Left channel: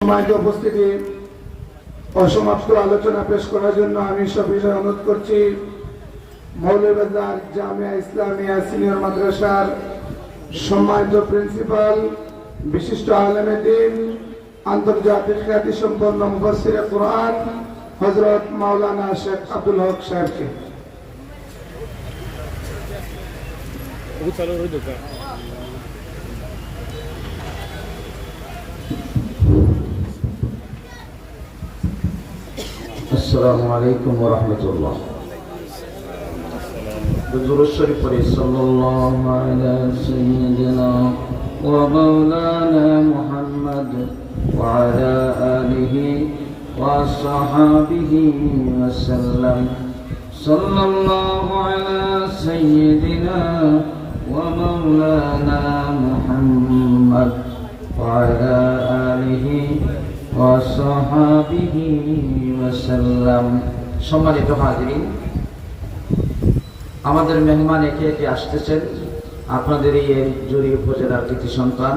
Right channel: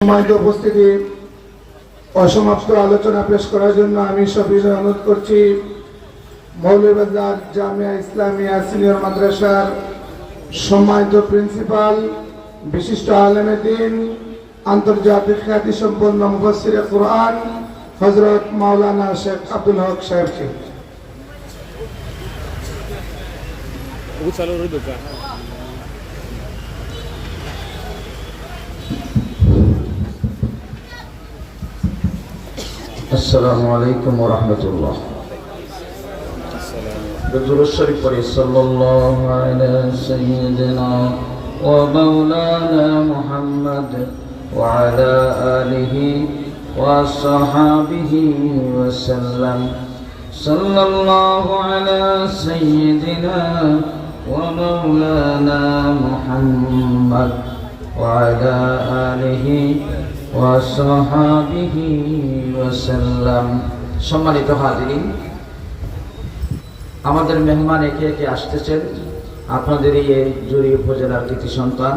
সম্মানিত উপস্থিতি, অসমাপ্ত আলোচনা পেশ করার জন্য আমি সবিনয় অনুরোধ করছি মৌলভীবাজার জামিয়া ইসলামিয়া সিনিয়র মাদ্রাসার সম্মানিত প্রিন্সিপাল, বিশিষ্ট আলেমে দ্বীন, আন্তর্জাতিক খ্যাতিসম্পন্ন মুফাসসিরে কুরআন হযরত মাওলানা শেখ আব্দুল হক সাহেবকে। আসসালামু আলাইকুম ওয়া রাহমাতুল্লাহ। দুরূদ শরীফ পড়ি। সাল্লাল্লাহু আলা সাইয়্যিদিনা ওয়া মাওলানা মুহাম্মদ ওয়া আলা আলিহি ওয়া সাহবিহি ওয়া সাল্লাম। সাল্লাল্লাহু আলা সাইয়্যিদিনা ওয়া মাওলানা মুহাম্মদ ওয়া আলা আলিহি ওয়া সাহবিহি ওয়া সাল্লাম। সম্মানিত হাজিরিন, আমাদের মেহমান একে একে আসতেছেন। আপনাদের এই জুড়ি উপজেলার কৃতি সন্তান,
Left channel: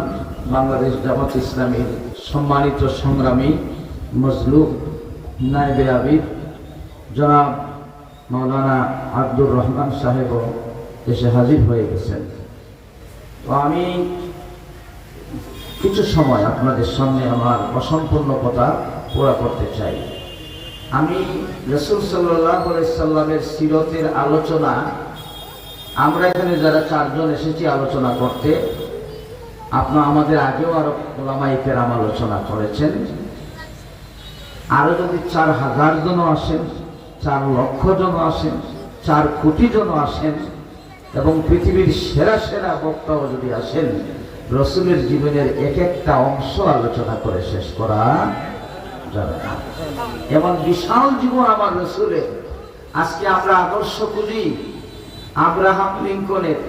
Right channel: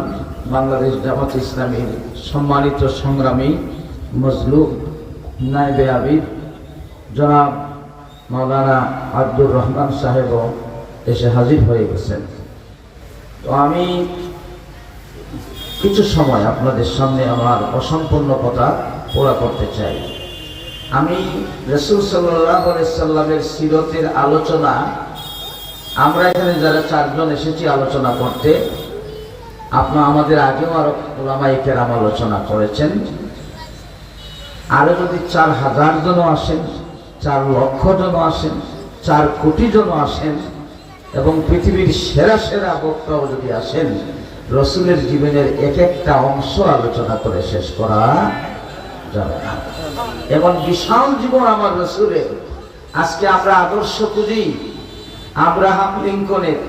বাংলাদেশ জামাত ইসলামীর সম্মানিত সংগ্রামী মজলুম নায়েবে আবিদ জনাব মাওলানা আব্দুর রহমান সাহেবও এসে হাজির হয়ে গেছেন। তো আমি কিছু সময় আপনাদের সামনে আমার অসম্পূর্ণ কথা পুরা করতে চাই। আমি রাসূল সাল্লাল্লাহু আলাইহি সাল্লামের সিরতের আলোচনা, আমরা এখানে যারা চারজন এসেছি আলোচনা করতে, আমাদের আগেও আরো উলামায়ে কেরাম আলোচনা করেছেন। আরো যদি 4000 জন আসেন, 4 লক্ষ জন আসেন, 4 কোটি জন আসেন এবং পৃথিবীর সেরা সেরা বক্তাও যদি আসেন, রসুলের জীবনের এক একটা অংশ আলোচনা করে শেষ করা যাবে না। এমন বিশাল জীবন আমার রসুলের। আজকে আমরা আদর্শ খুঁজি আব্রাহাম লিঙ্কনের,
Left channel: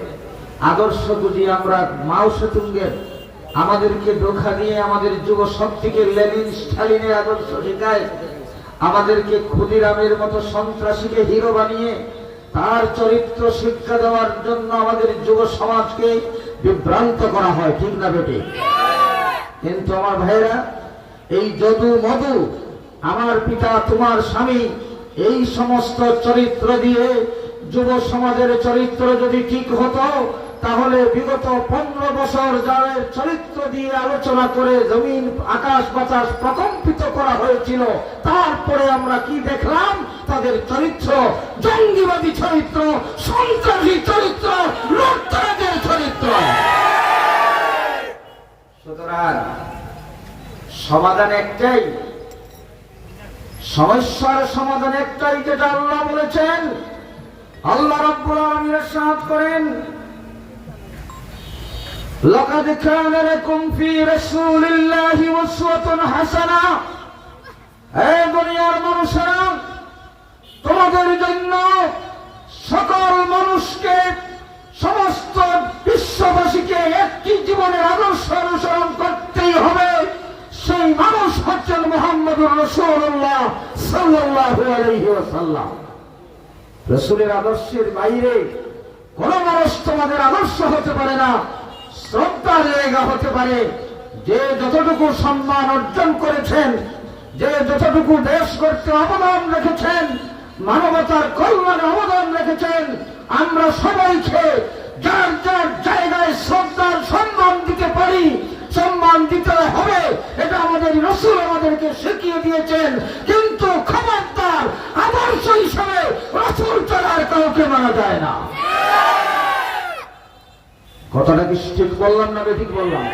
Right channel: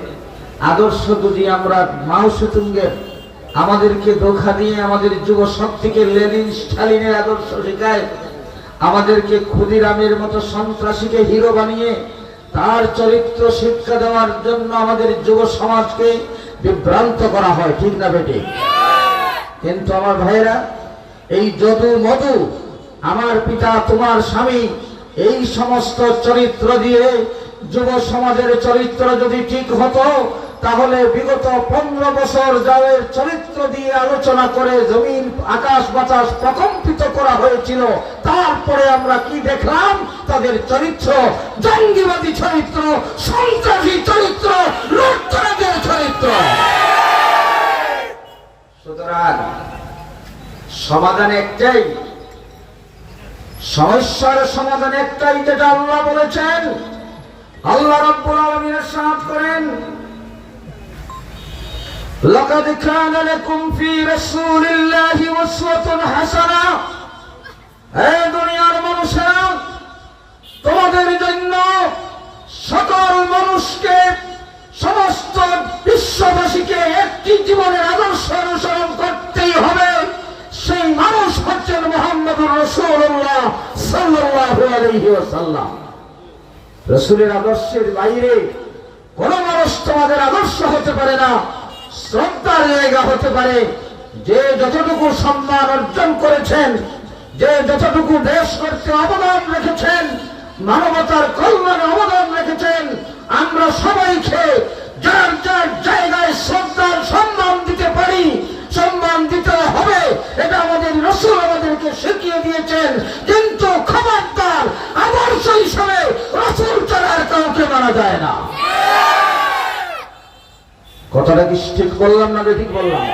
আদর্শ খুঁজি আমরা মাও সেতুঙ্গের, আমাদেরকে ধোঁকা দিয়ে আমাদের যুব শক্তিকে লেনিন স্টালিনের আদর্শ শেখায়, আমাদেরকে ক্ষুদিরামের মতো সন্ত্রাসীকে হিরো বানিয়ে তার চরিত্র শিক্ষা দেওয়ার জন্য আমাদের যুব সমাজকে বিভ্রান্ত করা হয়, ঠিক না বেটে? কিন্তু আমার ভাইরা, এই যদু মধু, আমার পিতা তোমার স্বামী, এই সমস্ত চরিত্র দিয়ে যুব সমাজের চরিত্র যদি ঠিক হতো, তাহলে বিগত 15 বছর যাদের চরিত্র দিয়ে আলোচনা করে জমিন আকাশ বাতাস প্রকম্পিত করা হয়েছিল, তারপরে আমরা কি দেখলাম? তাদের চরিত্র জঙ্গিবাদী চরিত্র, সন্ত্রাসী চরিত্র, লুটতরাজের চরিত্র। সুতরাং সমাধান একটাই, সমস্যার সমাধান একটাই, যেটা আল্লাহ বলেছেন। আল্লাহ রাব্বুল আলামিন ইরশাদ করেন, লাকাদ কানা লাকুম ফি রাসূলিল্লাহি উসওয়াতুন হাসানাহ। হে দুনিয়ার মানুষেরা, তোমাদের জন্য সকল মানুষকে, সমস্ত বিশ্ববাসীকে একটি জীবনের আদর্শ অনুসরণ করতেই হবে। সেই মানুষ হচ্ছেন মুহাম্মদুর রাসূলুল্লাহ সাল্লাল্লাহু আলাইহি ওয়াসাল্লাম। রাসূলের আদর্শের বাইরে কোন মানুষ তোমাদের আদর্শ হতে পারে না, শ্রদ্ধার জায়গা হতে পারে। যে যতটুকু সম্মান অর্জন করেছেন, যে যতটুকু দেশ করতে অবদান রেখেছেন, মানবতার কল্যাণে অবদান রেখেছেন, আমরা সবাইকে যার যার জায়গায় শ্রদ্ধার সম্মান দিতে পারি, সম্মান দিতে হবে, এটা আমাদের রাসূল আমাদেরকে শিখিয়ে দিয়েছেন। কিন্তু খবরদার, আদর্শ হিসাবে রাসূল ছাড়া আর কাউকে মানা যায় না। কথাটা কি ঠিক বললাম না ঠিক বললাম?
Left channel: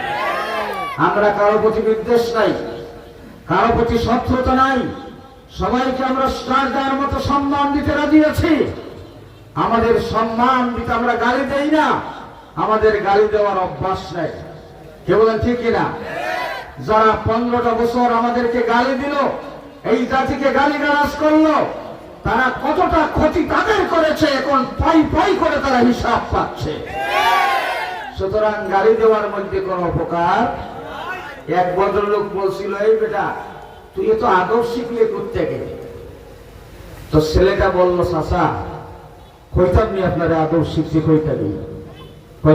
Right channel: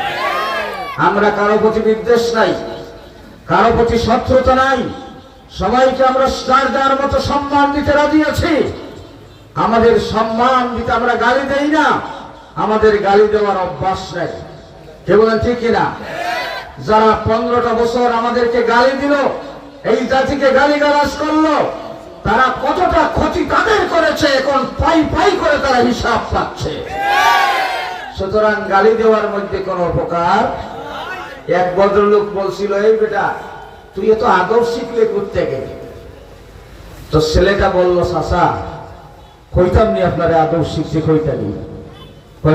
আমরা কারো প্রতি বিদ্বেষ নাই, কারো প্রতি শত্রুতা নাই, সবাইকে আমরা স্টার দেওয়ার মতো সম্মান দিতে রাজি আছি। আমাদের সম্মান দিতে আমরা গালি দেই না, আমাদের গালি দেওয়ার অভ্যাস নেই। কে বলেন ঠিক কিনা? যারা 15টা বছর আমাদেরকে গালি দিল, এই জাতিকে গালিগালাজ করলো, তারা কতটা ক্ষতি তাদের করেছে, এখন পাই পাই করে তারা হিসাব পাচ্ছে। সুতরাং গালি দেওয়ার মধ্যে কোনো উপকার। এক ভদ্রলোক বলছিল, এই বেটা তুই এত আদব শিখলে করতে গেলে। তো ছেলেটা বলল, চাচা কইতাম নি আপনারে আদব শিখছে, কইতালি।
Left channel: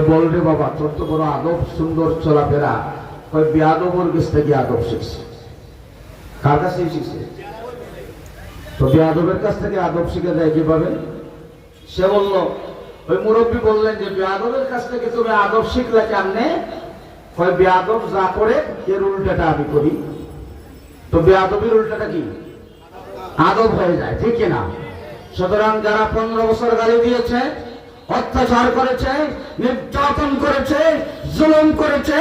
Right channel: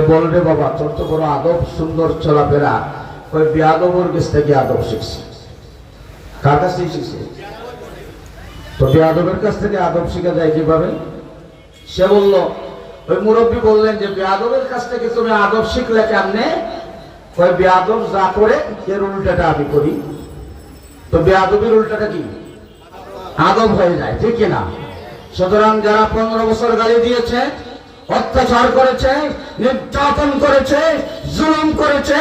বল রে বাবা, তোর তো বড় আদব সুন্দর চলাফেরা। বেয়াদবর কাছ থেকে আদব শিখছে। কার কাছ থেকে শিখছে? তো বেয়াদবের কাছ থেকে আদব শিখা যায় কিভাবে? সে বলল, ওই মুরব্বী বললেন যে বেয়াদবের কাছ থেকে তুমি আদব শিখলে কেমনে? ওই বেয়াদব যা করে এর উল্টাটা আমি করি। তো বেয়াদবের উল্টাটা কি? আদব হয়ে যায়, ঠিক কিনা? সুতরাং যারা 15 বছর গালি দিয়েছে, অত্যাচার করেছে, নির্যাতন করেছে, জুলুম করেছে,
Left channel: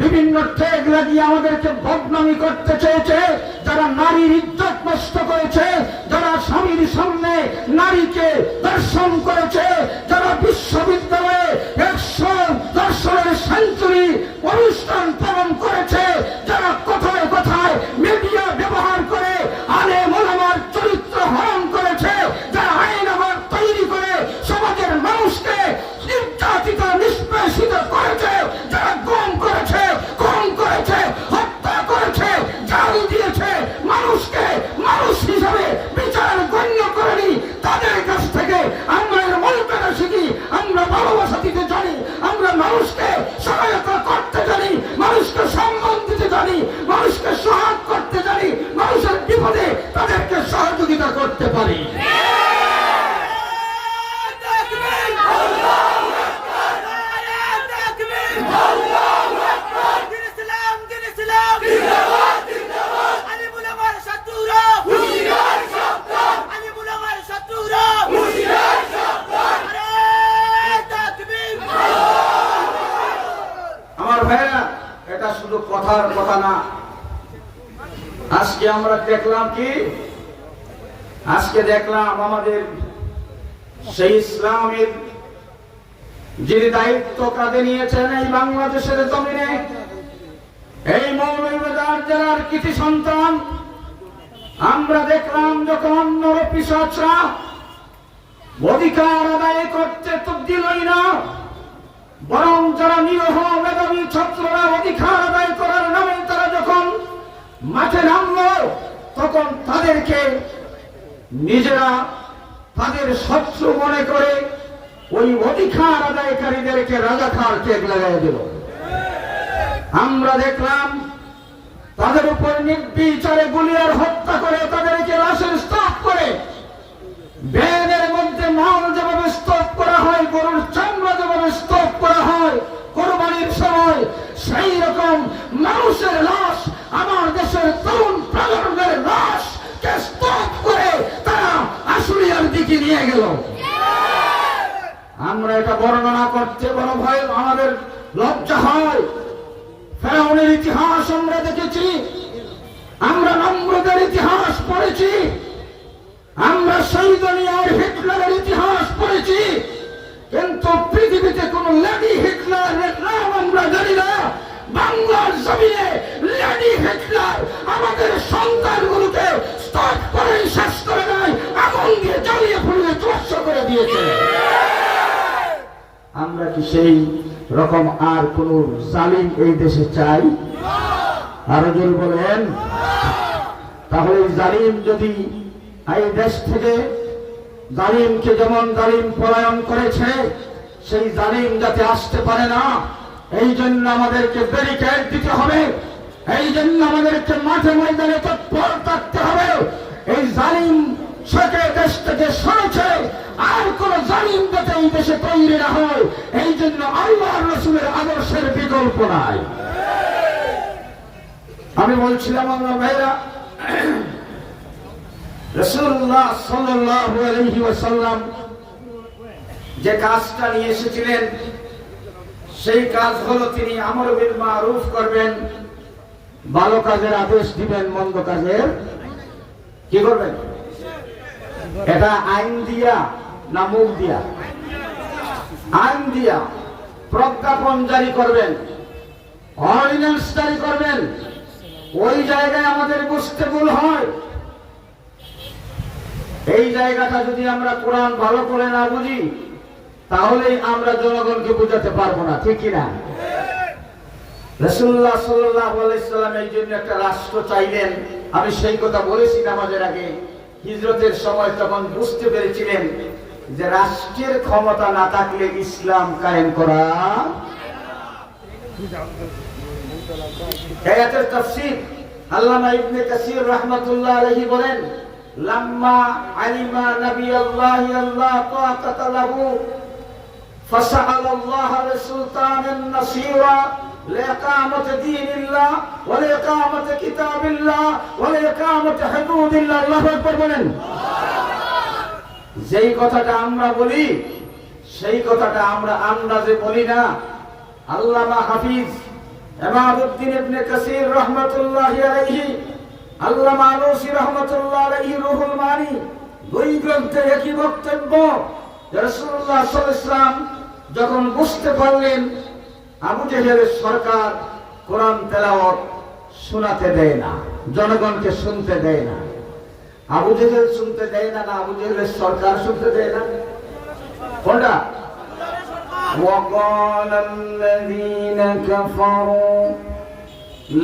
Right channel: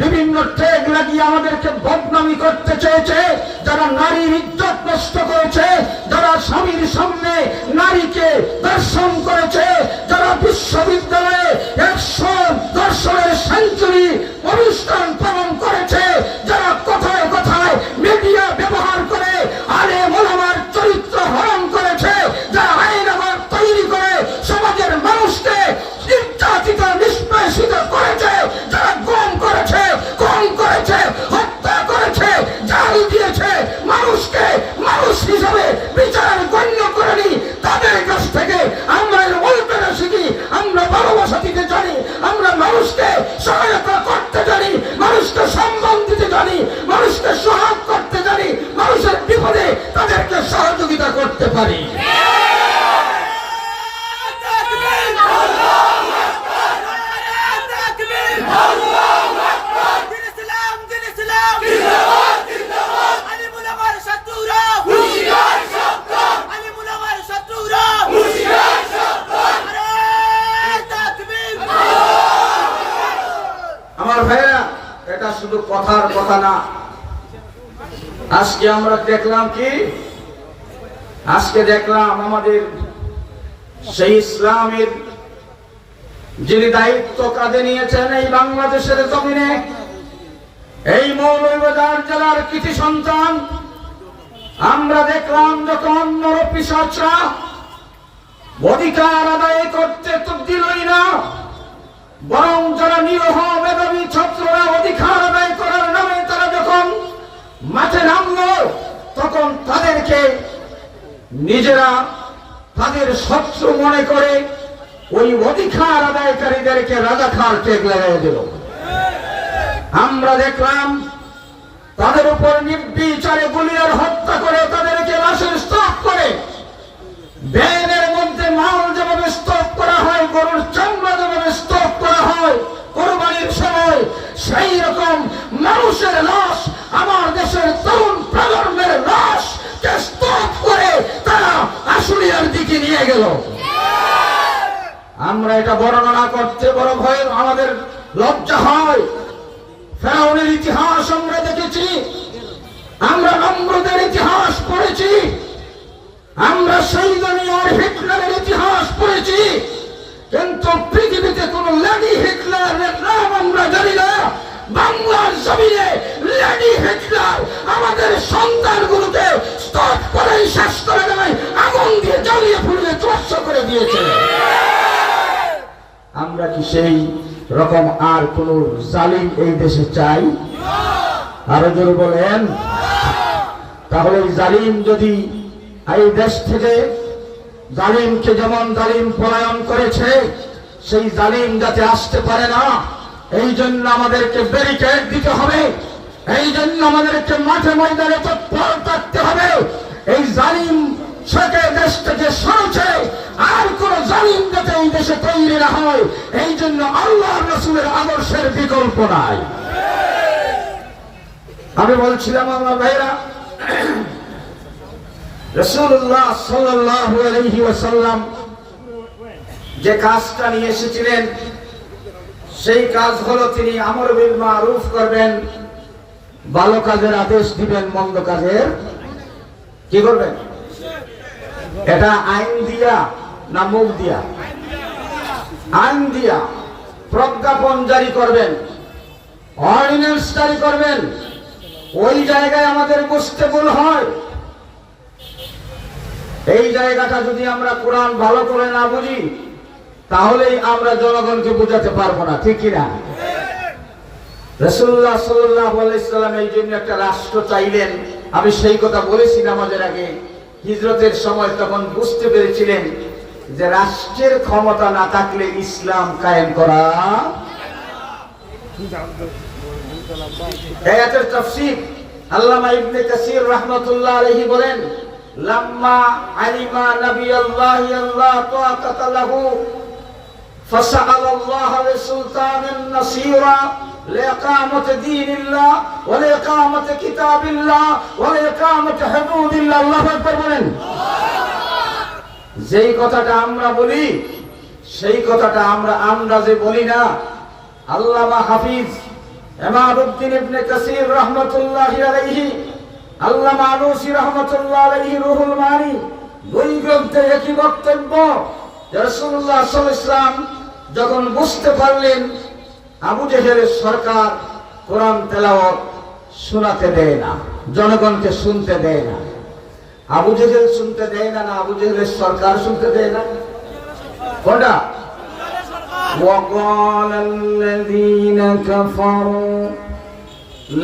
বিভিন্ন ট্যাগ লাগিয়ে আমাদেরকে বদনামি করতে চেয়েছে, যারা নারীর ইজ্জত নষ্ট করেছে, যারা স্বামীর সামনে নারীকে দর্শন করেছে, যারা বিশ্ববিদ্যালয়ে 100 দর্শনের সেঞ্চুরি অনুষ্ঠান পালন করেছে, যারা কথায় কথায় মিডিয়া ব্যবহার করে আলেম ওলামার চরিত্র হরণ করেছে, যারা আইন আবার তৈরি করে সমাজের মানুষকে নির্যাতিত নিষ্পেষিত করেছে, যারা গম করেছে, কম করেছে, হত্যা করেছে, জাল দিয়েছে, মানুষকে মানুষ হিসাবে বিচার গণ্য করেনি, তাদের কাছ থেকে আমরা এর উল্টাটা শিখি। আমরা ভালোবাসা দিতে জানি, আমরা মানুষকে সহায়তা করতে জানি, মানুষকে সম্মান দিতে জানি, মানুষকে সহায় করতে জানি, মানুষের বিপদে তাদেরকে সহযোগিতা করতে পারি। আমার ভাইরা, এটা শুধু কথার কথা না। আজকে আমরা দেখলাম কি? আজকে দেখলাম আমাদের সেই ইসলামের যিনি দায়িত্ব কাঁধে নিয়েছেন এই বাংলাদেশের জমিনে, এই মৌলভীবাজার জেলার কৃতি সন্তান, আমরা দেখলাম যখন নরপিশাচরা অধিকার আদায় করতে তো দিলই না, বরং যারা নিরহ মেধাবী ছাত্ররা অধিকার আদায় করার নামে তারা যখন মাঠে নামলো, তখন তাদেরকে নিজেরা তাদের শত্রু মনে করে ওই অধিকার আদায়কারীদেরকে রাজাকার ট্যাগ লাগাই দিল। আমরা দেখলাম তাদের উপর নির্বিচারে গুলিয়ার হত্যা করে তাদেরকে লাশের স্তূপ করে, ব্যানের মধ্যে মাল যেভাবে স্তূপ করা হয়, গরুর চামড়া যেভাবে স্তূপ করা হয় কোরবানির সময়, সেই রকম মানুষের লাশ, আমার দেশের তরুণ প্রজন্মের লাশ কে স্তূপ করে তারা আশুলিয়ার দিকে নিয়ে গেল। আমরা এটা বর্ণনা করতে বড় ভয়, আমাদের লজ্জা হয়। ফেরাউনের ইতিহাস আমরা দেখেছি, আমরা নমরুদের ইতিহাস পড়েছি, আমরা শহীদুনিয়ার হিটলারের ইতিহাস পড়েছি, কিন্তু পৃথিবীতে কোন লেডি হিটলারের নাম আমরা জানি না। বাংলার জমিনে লেডি হিটলার আমাদের সন্তানগুলোকে স্তব করে শেষ করে দেয়, আগুন দিয়ে জ্বালিয়ে পুড়িয়ে ধ্বংস করে দিয়েছে। আমরা কি সেই রকম আর কোন জালিম এই দেশে চাই? আরো জোরে বলেন। তাহলে এই জালিম যদি এই দেশ থেকে, জালিমকে যেমন জালিম পলায়ন করেছে, সেই জালিম যাতে আসতে পারে না, এই জন্য আমাদেরকে ব্যারিকেড দিতে হবে, এই জন্য আমাদেরকে মাঠে ময়দানে তৎপর থাকতে হবে। এই জালিম সরকার দেশ থেকে সরেছে, আর কোন জালিম যাতে এই দেশে তৈরি না হয়, এই জন্য আল্লাহর রাসূলের আদর্শের বিকল্প নাই। আমি বলছিলাম আমার ভাইরা, রাসূলুল্লাহ সাল্লাল্লাহু আলাইহি ওয়াসাল্লাম যে কাজটা নিয়ে এসেছিলেন, সেই কাজ হলো তিনি আমর বিল মারুফ করবেন, ভালো কাজের আদেশ দিবেন, মন্দ কাজের কি করবেন? এটা আইন দিয়া না মুখ দিয়া? আইন দিয়া প্রজ্ঞাপন জারি করবেন, অর্ডিন্যান্স জারি করবেন। ওই জায়গায় আমাদের বুঝতে ভুল হয়। এই জায়গাটা যদি আমরা কোরআন ভালো করে না বুঝি, তাহলেই আমরা জনগণকে বোঝাতে পারবো না, ঠিক কিনা? রাসূলুল্লাহ সাল্লাল্লাহু আলাইহি সাল্লাম এই জন্য একটা রাষ্ট্র চাইলেন। আমি সেই কথা বলেছি নামাজের আগে। হিজরতের সময় তখন বুঝতে পেরেছিলেন যে রাষ্ট্রের ক্ষমতা না থাকলে ইসলাম কায়েম করা। আয়াতের তাফসীর আল্লামা ইবনে কাসির রাহমাতুল্লাহ আলাইহি বলেন, লাম্মা আলিমা নবিয়াল্লাহি আল্লাহ তাআতা লাহু ফাসআল আল্লাহ লিসুলতানিন নাসীরা লিইকামাতি দীনিল্লাহ ওয়া লিইকামাতি কিতাবিল্লাহ ওয়া লিইকামাতি হুদুদিল্লাহ। আল্লাহু আকবার বলেন। যেই কথাটা আমরা বলি সেই কথাটা আমরা যে বলি না, আল্লামা হাফিজ ইমাদউদ্দিন ইবনে কাসির রাহমাতুল্লাহি আলাইহি, আল্লামা আলুসি রাহমাতুল্লাহ আলাইহি রুহুল মানি দুই গ্রন্থে একই বক্তব্য যে রাসূলুল্লাহ সাল্লাল্লাহু আলাইহি ওয়াসাল্লাম যখন বুঝতে পারলেন আবু জেহেলের সরকার কোরআন তেলাওয়াত শোনাতে দেয় না, জনগণকে শুনতে দেয় না। আবু জেহেল শুনতে দেয় না, না আবু জেহেলের সরকার শুনতে দেয় না? কোনটা? وقال الذين كفروا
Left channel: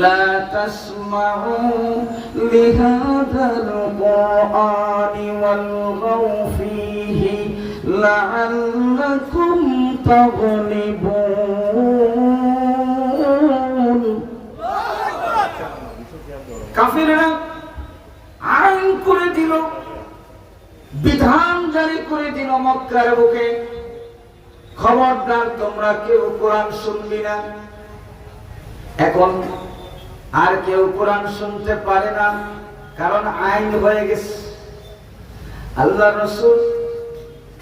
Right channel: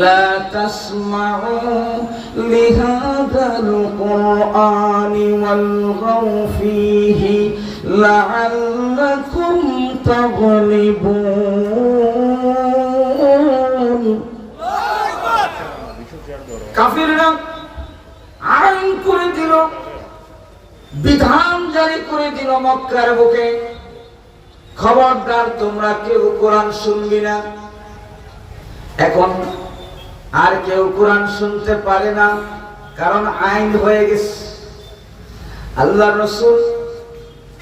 لا تسمعوا لهذا القرآن والغوا فيه لعلكم تغلبون। কাফিররা আইন করে দিল, বিধান জারি করে দিল মক্কার বুকে, খবরদার তোমরা কেউ কোরআন শুনবি না। এখন আর কেউ কোরআন শুনতে পারে না, কারণ আইন হয়ে গেছে। আল্লাহ রাসূল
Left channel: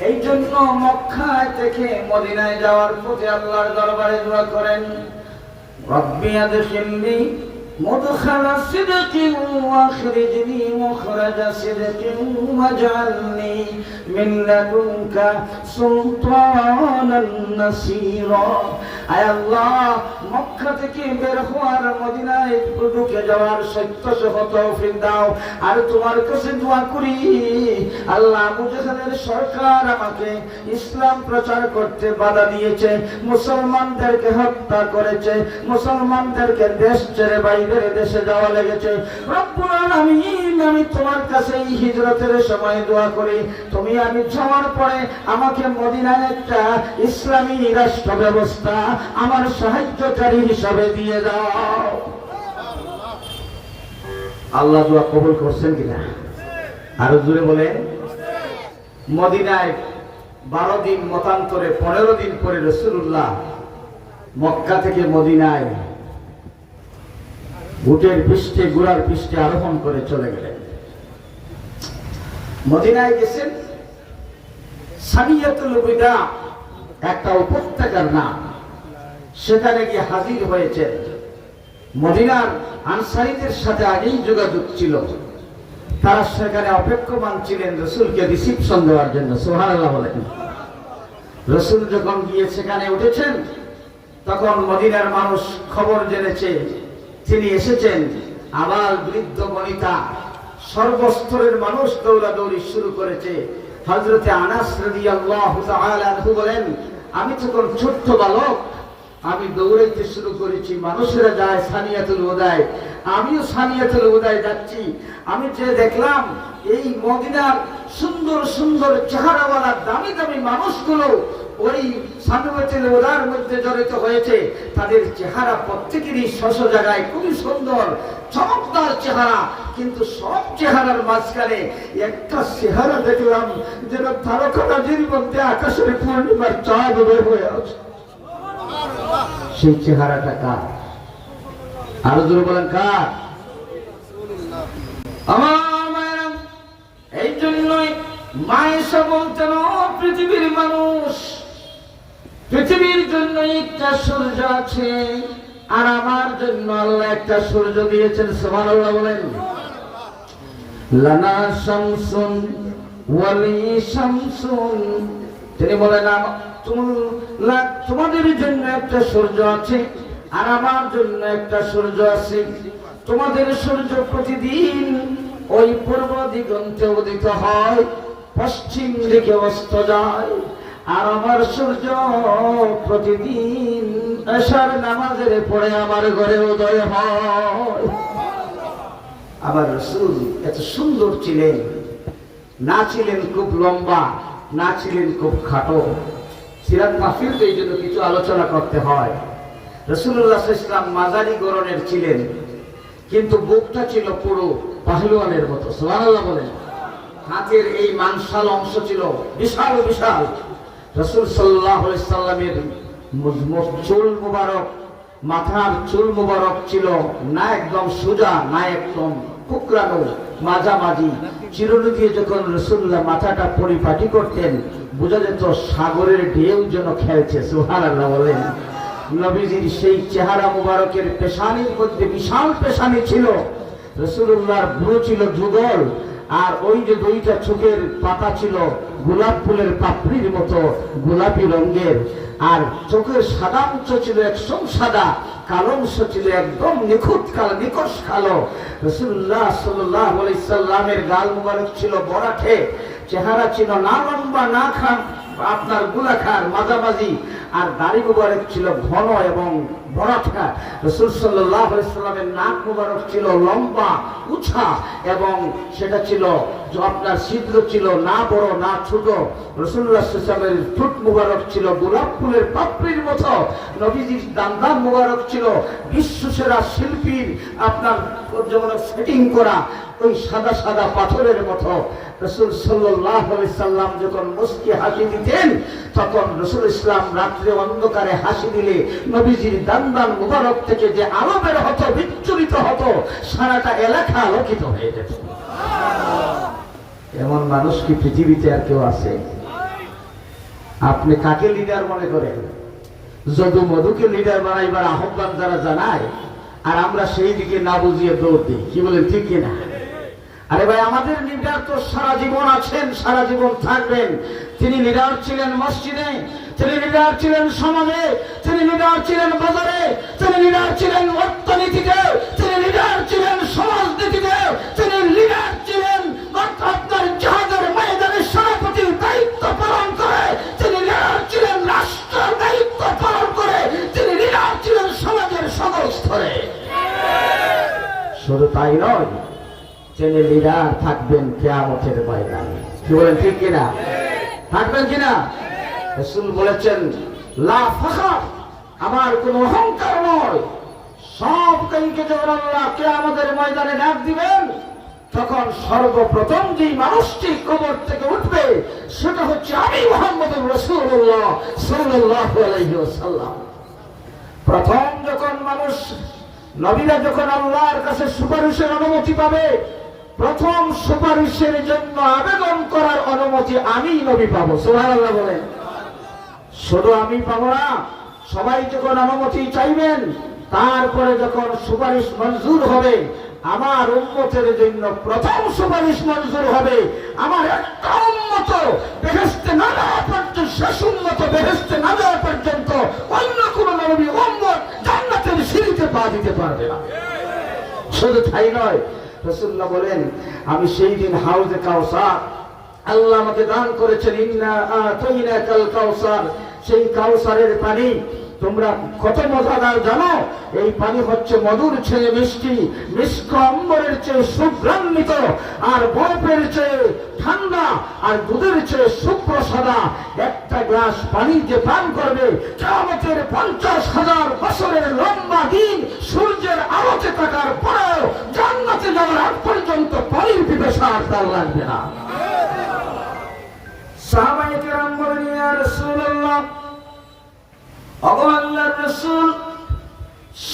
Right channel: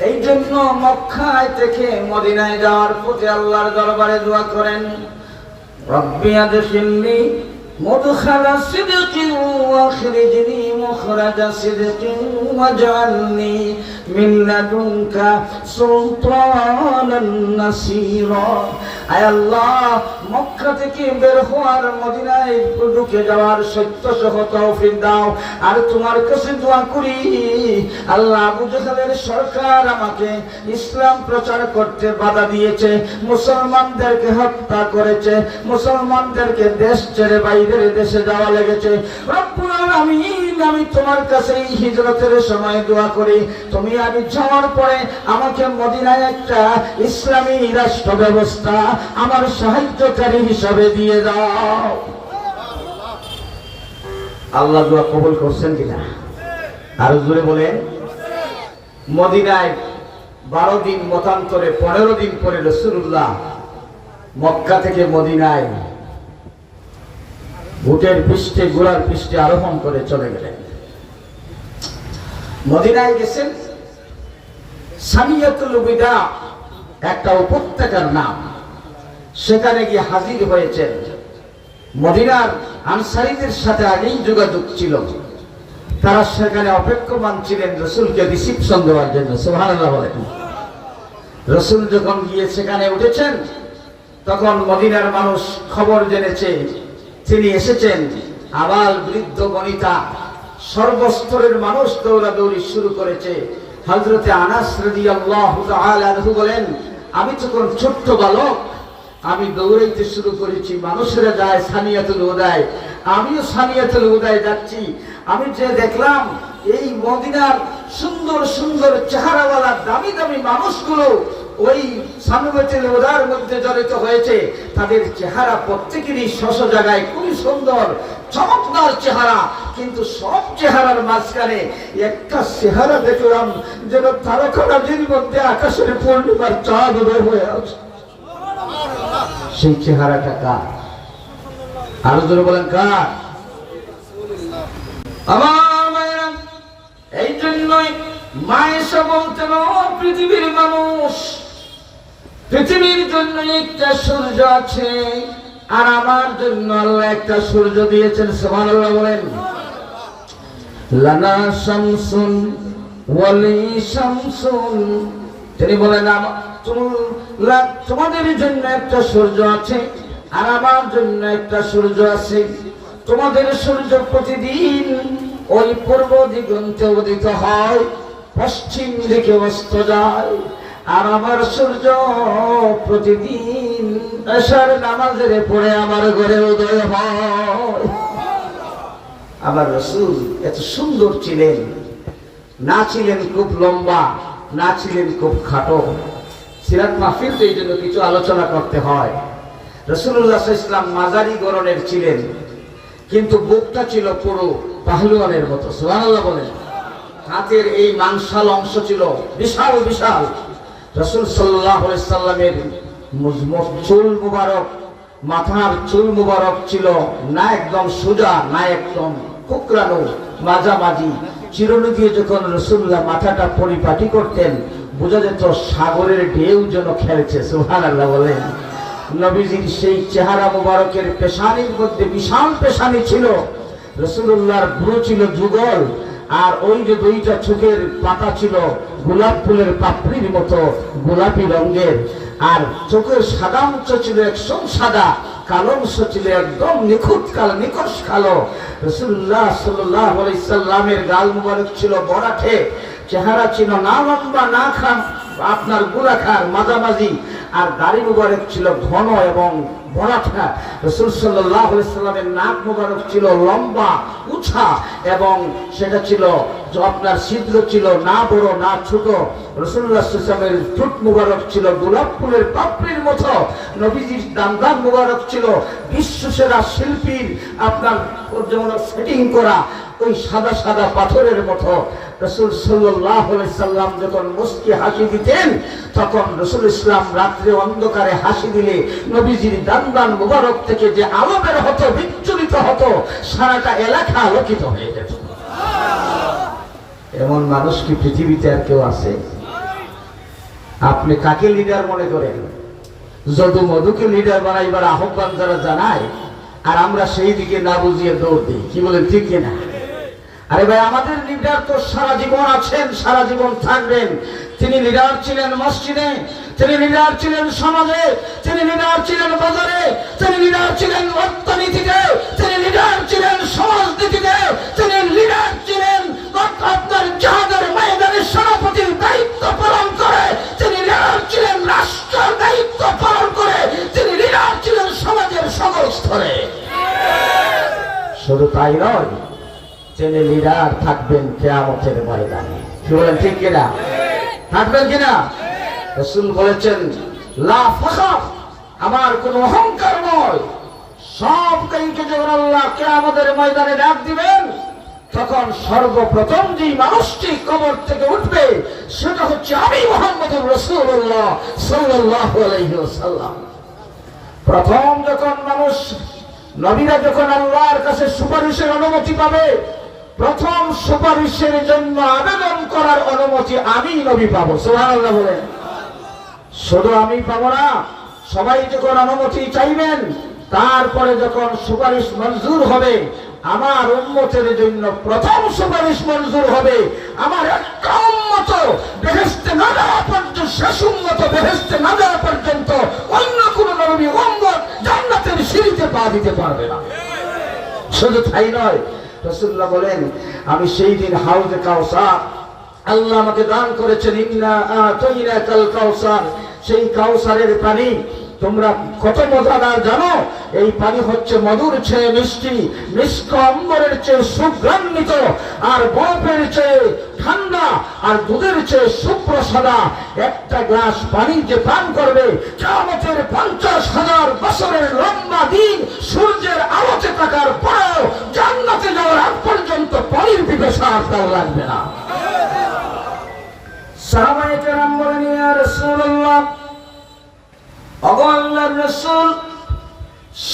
এই জন্য মক্কায় থেকে মদিনায় যাওয়ার পথে আল্লাহর দরবারে দোয়া করেন, রব্বি আদখিলনি মুদখালা সিদকিন ওয়া আখরিজনি মুখরাজা সিদকিন ওয়াজআলনি মিন লাদুনকা সুলতানান নাসীরা। আয় আল্লাহ, মক্কা থেকে বের হওয়ার মদিনায় ঢুকে যাওয়ার সত্য সহ তৌফিক দাও। আর তোমার কাছে দোয়া করি আল্লাহ, আবু জেহেলের সরকার আমাকে ইসলাম প্রচার করতে বাধা দিয়েছে, মুসলমানদেরকে হত্যা করেছে, মুসলমানদেরকে দেশ ছেড়ে বাইরের দেশে যাওয়া লেগেছে। রব্বুল আলামিন, আমি তোমার কাছে এই হিজরতের সময় দোয়া করি, তুমি আমি যাওয়ার পরে আমাকে মদিনায় একটা ইসলামী রাষ্ট্র ব্যবস্থা আমার সাহায্যকারী হিসাবে দিয়ে দাও। আল্লাহ দোয়া কবুল করছেন কিনা? আরো জোরে বলেন। মদিনায় 12 দিন মতান্তরে 15 দিন পরে রাসূলুল্লাহ মক্কা থেকে মদিনায় উটের পৃষ্ঠে ঘোড়ার পৃষ্ঠে আরোহণ করে চলে গেলেন। মদিনায় গেছেন, সানিয়াতুল বিদা একটা উপত্যকার নাম, সেখানে গিয়ে হাজির হয়েছেন। মদিনার আনসারীদের সাথে আগেই যোগাযোগ ছিল, তারা সেখানে অপেক্ষমান ছিলেন রাসূলকে রিসিপশন দেওয়ার জন্য। সুবহানাল্লাহ বলেন। রাসূল যখন গিয়ে সেখানে উঠেছেন, তখন মদিনার মানুষ খবর জেনেছে তিনি এসেছেন। আবাল বৃদ্ধ বনিতা সর্বস্তরের মানুষ দৌড়াদৌড়ি শুরু করেছে। হযরতে আনাস রাদিয়াল্লাহু তাআলা আনহু বলেন, আমি তখন ছোট্ট বালক, আমি দৌড়াইতে শুরু করেছি, মানুষেরা যায় সানিয়াতুল উদায়, আমিও সানিয়াতুল উদায় যাচ্ছি। আমি যে দেখলাম এই মদিনার সুন্দর সুন্দর চেহারাওয়ালা দামি দামি মানুষগুলো ওই সানিয়াতুল উদার মধ্যে জড়িত হয়েছে। তাদের চেহারা প্রত্যেকেরই স্ব জায়গায় খুবই সুন্দর, চমৎকার চেহারা, কিন্তু সব চেহারার মাঝখানে একটা চেহারা দেখলাম যেন তারকারাজির মধ্যে আকাশের পূর্ণিমার চাঁদ বের হয়ে আছে। সেই চেহারাটা কার? আরো জোরে বলেন কার? আমার মায়েরা, এই জন্যই মায়েশা বলতেন, পৃথিবীর মানুষ, পৃথিবীর জন্য একটা সূর্য আছে, আর আমার জন্য আল্লাহ একটা সূর্য দিয়েছেন। সুবহানাল্লাহ বলেন। লানা শামসুন ওয়ালি শামসুন, তিনি বলেন তোমাদের জন্য একটা সূর্য আছে আর আমার জন্য একটা সূর্য আছে। তোমাদের সূর্য প্রতিদিন ওই পূর্ব দিগন্তে উদিত হয়, পশ্চিম দিকে অস্ত যায়, আর আমার সূর্য প্রতিদিন এশার নামাজের পরে আমার ঘরে উদয় হয়। আমার রাসূল এত সুন্দর ছিলেন, না ছিলেন খুব লম্বা, না ছিলেন খুব খাটো। সিরাত মাহফিল তো এই জন্য কিছু আলোচনা করতে হয়। রাসূলুল্লাহ সাল্লাল্লাহু আলাইহি ওয়াসাল্লাম মাঝারি গড়নের ছিলেন, কিন্তু বুকটা ছিল পুরো পাহলুয়ানের মতো, সুবহানাল্লাহ বলেন। হাতের এই মাংসাল অংশ ছিল বিশাল বিশাল। রাসূল সাল্লাল্লাহু আলাইহি সাল্লামের চুল মুবারক, মাথার চুল মুবারক ছিল না একদম সোজা, না একদম কুকরানো, মাঝামাঝি। চিরুনি দিয়ে যখন রাসূলুল্লাহ মাথাটা পরিপাটি করতেন, বোঝা যেত সাগরের ঢেউ যেন খেলছে, সুবহানাল্লাহ বলেন। নবীজির সেই চেহারা মুবারকের পেশানির মধ্যে বিশাল পেশানি ছিল। রাসূলুল্লাহর ভ্রু ছিল যুগল, আর ওই যে দুইটা চোখের পাতা ছিল গোলাপ ফুলের পাপড়ির মতো গোলাপি রঙের, আর চোখের সাদা অংশ ছিল একদম সাদা, কালো অংশ ছিল একদম নিখুঁত কালো, নিকষ কালো। রাসূলুল্লাহ সাল্লাল্লাহু আলাইহি সাল্লামের গাল মুবারক ছিল বরাঠে, চেহারা ছিল না লম্বা না খান আপনার গোলাকার মাঝামাঝি, আর দাড়ি মুবারক ছিল ঘন এবং বড়াঠা। রাসূল সাল্লাল্লাহু আলাইহি সাল্লামের নাক মুবারক ছিল লম্বা উঁচা এবং সেটা ছিল আপনার ছিদ্র ছিল না বড় না ছোট। রাসূলুল্লাহ সাল্লাল্লাহু আলাইহি সাল্লামের ঠোঁট মুবারক ছিল গোলাপ ফুলের পাপড়ির মতো। নবীজির দান্দান মুবারক ছিল বিশ্বসেরা শিল্পীর আপনার যেমন ফিটিং করা ওই সাদা সাদা পাথরের মতো। রাসূল সাল্লাল্লাহু আলাইহি সাল্লাম যখন মুস্কি হাসি দিতেন, তখন রাসূল ইসলাম রাত্রে অন্ধকারে হাসি দিলে নবীজির দান্দান মুবারক থেকে যে আলো বের হতো, বিচ্ছুরিত হতো, সারাটা এলাকা আলোকিত হয়ে যেত। এমন মানুষ কি পৃথিবীতে আর কেউ আছে? আপনি কাকে লিডার মনে করেন? যদু মধুকে লিডার বানাইবার আহ্বান যারা জানায়, আর আমরা সেই দিকে না বুঝিয়ে দৌড় দিই, কি বলেন ঠিক কিনা? আরে ভাই, আমাদের লিডার তো সারা জীবন আছেন, সারা জীবন থাকবেন। তিনি লিডার ছিলেন মসজিদে, তিনি লিডার ছিলেন সমাজে, তিনি লিডার ছিলেন বাজারে, তিনি লিডার ছিলেন অর্থনীতিতে, তিনি লিডার ছিলেন সমাজনীতিতে, তিনি লিডার ছিলেন আপনার জাহাজের ময়দানে সভাপতির দায়িত্ব পালন করে, তিনি লিডার ছিলেন রাষ্ট্রের দায়িত্ব পালন করে, তিনি লিডার ছিলেন সমাজের সকল স্তরে। শুধু তাই নয়, তিনি লিডার থাকবেন কিয়ামতের ময়দানে, কি বলেন ঠিক কিনা? থাকবেন কিনা? রাসূল বলেছেন, লা ফখর, আমার কোনো অহংকার নয়। সব কাইকে যখন আল্লাহ কিয়ামতের ময়দানে ডাক দিবেন, তখন সর্বপ্রথম যে মানুষটি কবর থেকে উঠবে সেটা হচ্ছে আমি মুহাম্মদুর রাসূলুল্লাহ সাল্লাল্লাহু আলাইহি ওয়াসাল্লাম। প্রথম যখন মানুষ, নবীরা যখন আল্লাহর কাছে সুপারিশের অনুমতি পাবে, প্রথম সুপারিশের জন্য আবেদন করার অনুমতি আমি নবী পাবো, সুবহানাল্লাহ বলেন। শুধু আমি পাবো না, সবাই যখন অনুমতি চাইবেন, তারপরে যখন সুপারিশ মঞ্জুর হবে, আমার উম্মতের জন্য প্রথম সুপারিশ মঞ্জুর হবে আমার একটা উম্মত বেহেশতে না যাওয়া পর্যন্ত, শেষ উম্মত বেহেশতে না যাওয়া পর্যন্ত অন্য কোন নবী উম্মত জান্নাতের সিঁড়িতে পা দিতে পারবে না। শুধু তাই নয়, রাসূলুল্লাহ বলেন, আমি সেই দিন হাউজে কাউসার, আল্লাহ আমাকে দান করেছেন, ইন্না আতাইনাকাল কাউসার, সেই কাউসারের পানি তোমরা কত মজাদার জানো? এই পানি হচ্ছে মধুর চেয়ে মিষ্টি, মিষ্ট অম্বরের চেয়ে সুগন্ধিত, আর বরফের চেয়ে ঠান্ডা, আর দুধের চেয়ে সুপ্রসাদা। একটা গ্লাস পানি যে পান করবে, কিয়ামতের 50,000 বছরের লম্বা দিন সূর্যের আলোতে থাকার পরেও জান্নাতে যাওয়ার আগ পর্যন্ত পানির পিপাসা আর তার লাগবে না। সাহাবায়ে কেরাম বলেন, ইয়া রাসূলুল্লাহ, ওগো আল্লাহর রাসূল,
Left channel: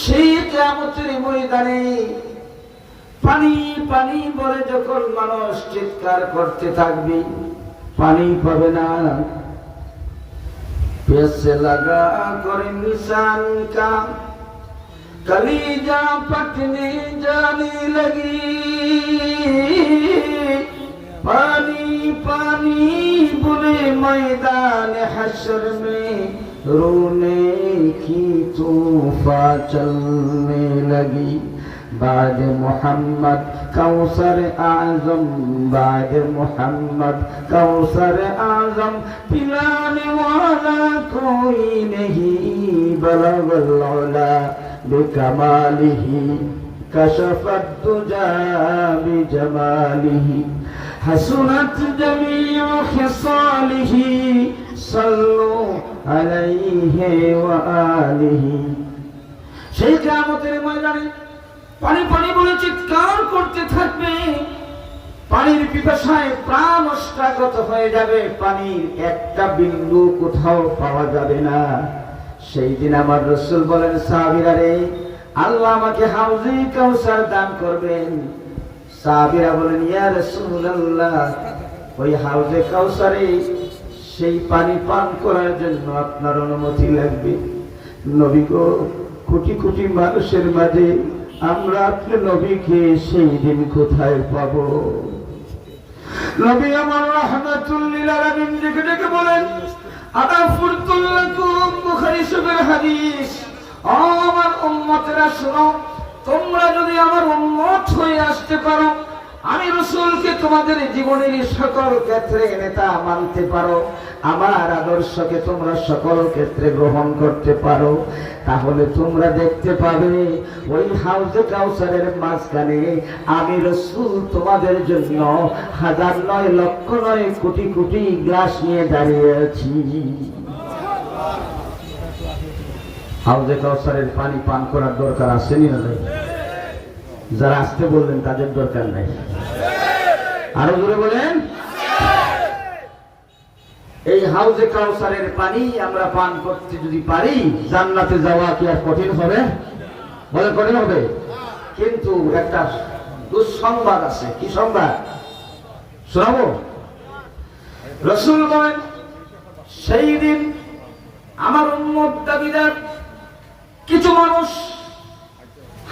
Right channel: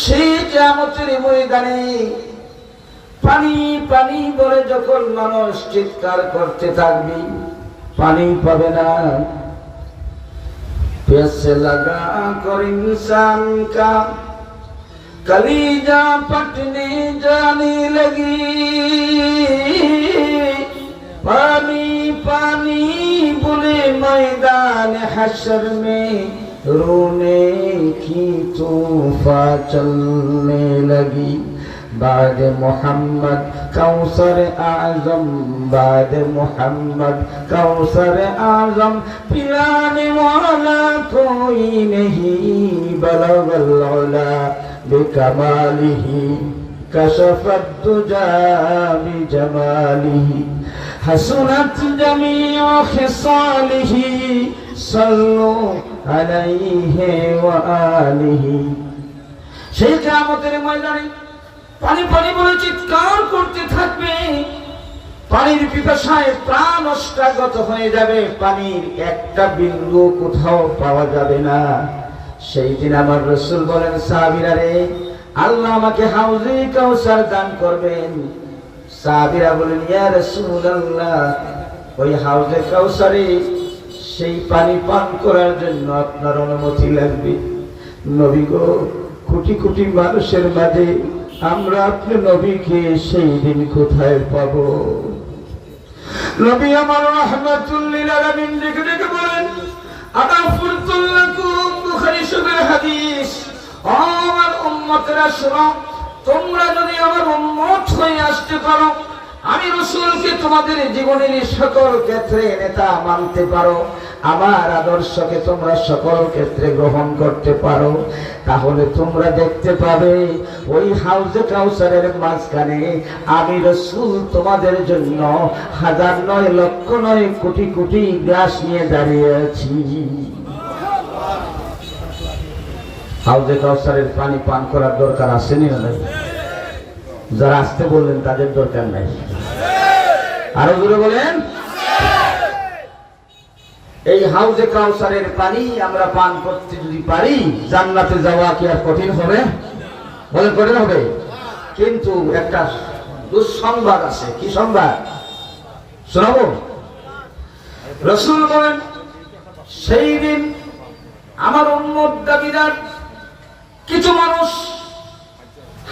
সেই কিয়ামতের ময়দানে পানি পানি বলে যখন মানুষ চিৎকার করতে থাকবে, পানি পাবে না। প্যাসে লাগা করে নিশান কা কলিজা পটনে জানে লगी, পানি পানি বলে ময়দান হাশর মে रोने की तूफा चलने लगी। बाद मोहम्मद कौसर आजम, बाद मोहम्मद कौसर आजम, पिलाने वाला कोई नहीं, बलगल उला बिकमालिही, कशफत दुजा बिजमालिही, हसनत जमीउ खिसालिही, सल्लु আলাইহি ওয়া আলিহি। সেই কিয়ামতের ময়দানে পানি পানি বলে চিৎকার করতে থাকবে। পানির পিপাসায় প্রাণ অষ্টাগত হয়ে যাবে, পানির একটা বিন্দু কোথাও পাওয়া যাবে না। সেই দিন আমার রাসূল বলেন, সাহাবীরা রে, আল্লাহ আমাকে হাউজে কাউসার দান করবেন। সাহাবীরা বলেন, ইয়া রাসূলুল্লাহ, ওই হাউজে কাউসারে সেই পানি পান করার জন্য আপনার অনুমতি লাগবে। নবী গো, কোটি কোটি মানুষের মাঝে আমরা আপনার নবীকে সেই দিন কোথায় পাবো? নবী আমার রাহমাতুল লিল আলামিন ডেকে ডেকে বলেন, আগাফুরতুল লাকুম, বুখারী শরীফের হাদিস। আমার উম্মতেরা শোনো, তোমরা যদি আমার উম্মত হয়ে আসতে পারো, আমি রাসূলকে তোমাদের জীবনের সকল ক্ষেত্রে নেতা মানতে পারো, আমার আদর্শকে তোমরা সকল ক্ষেত্রে গ্রহণ করতে পারো, তাহলে তোমরা দেখতে পাবে ওই হাউজে কাউসারের মাঝখানে আমি রাসূল তোমাদের জন্য হাজার নয়, লক্ষ নয়, কোটি কোটি গ্লাস নিয়ে দাঁড়িয়ে আছি। হাউজে কাউসারের পানি পান করার দরকার আছে না? যারা আসতে বললেন তাদের দরকার নাই, আরো জোরে বলেন। এই হাউজে কাউসারের পানি আমরা পান করতে যদি পারি, জান্নাতে যাওয়া কি আর কঠিন হবে? বলেন কঠিন হবে? কিন্তু একটা দুঃসংবাদ আছে। কি সংবাদ শোনাবো? রাসূল বলেন, সেই দিন আমার উম্মত দাবিদার কিছু মানুষ